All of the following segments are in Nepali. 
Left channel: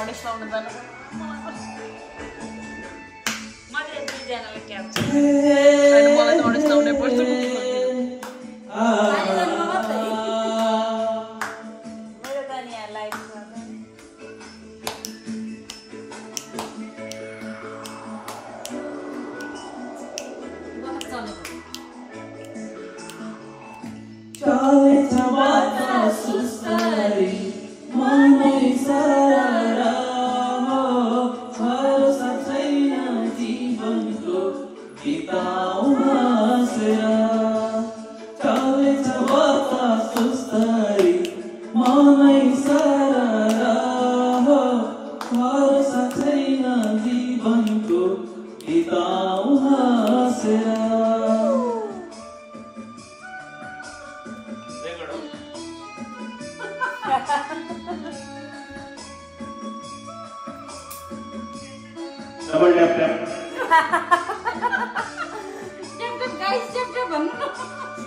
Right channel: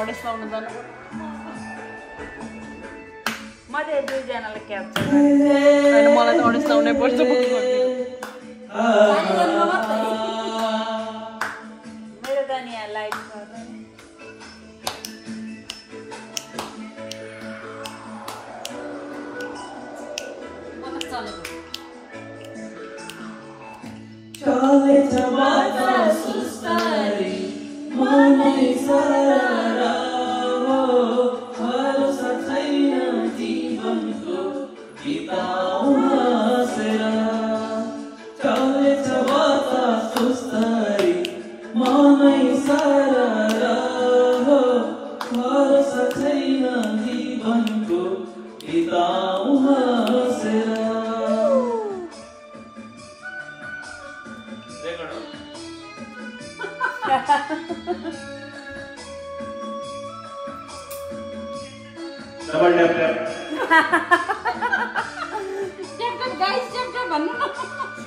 अडिस लाउन जानु मैले दुईजनाले क्याप्चर अनि मलाई त अडिस लाउनै पर्छ मेरो त नि यहाँ लाइभ छ चलेछ बाटो सुस्तारी मनै सररा हो भरोसा छैन जीवनको बिताउ हाँसेर चलेछ बाटो सुस्तारी मनै सररा हो भरोसा छैन जीवनको बिताउ हाँसेर double tap tap tap tap guys tap tap भन्नु न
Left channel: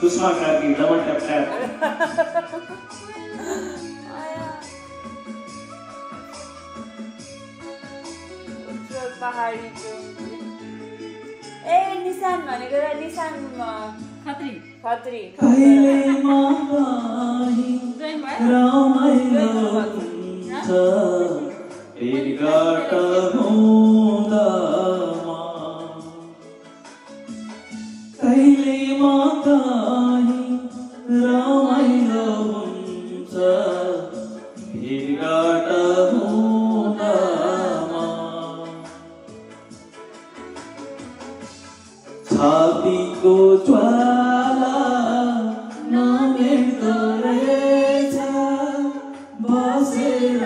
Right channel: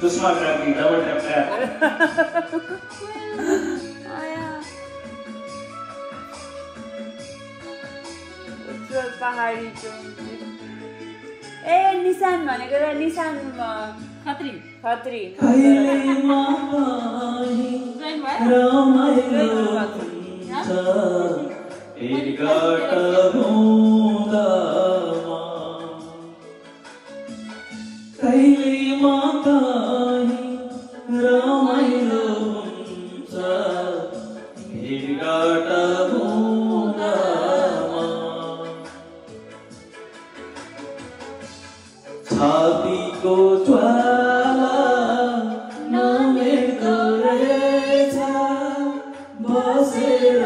Sushma Karki double tap tap ए निशान भनेको र निशान खत्री खत्री कहिले माही रमाइलो हुन्छ भेटघाट हुँदामा कहिले माही रमाइलो हुन्छ भेटघाट हुँदामा छातीको ज्वाला नमेट्दो रहेछ बसेर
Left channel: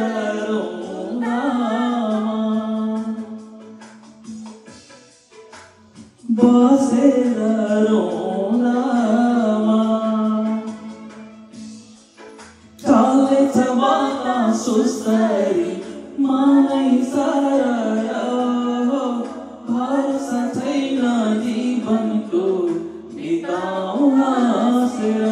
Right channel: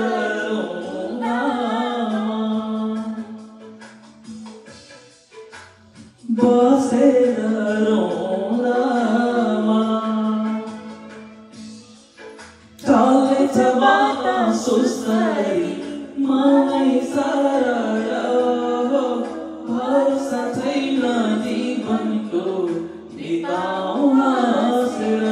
बसेर रौलामा चलेछ बाटा सुस्तारी मनै सररा हो भरोसा छैन जीवनको बिताउ हाँसेर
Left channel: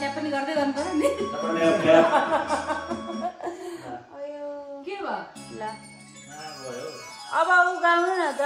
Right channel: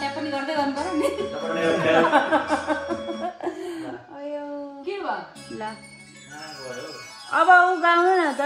टैप पनि गर्दै गर्नु पर्यो नि डबल टैप टैप के भयो ल अब ऊ गाउनु न त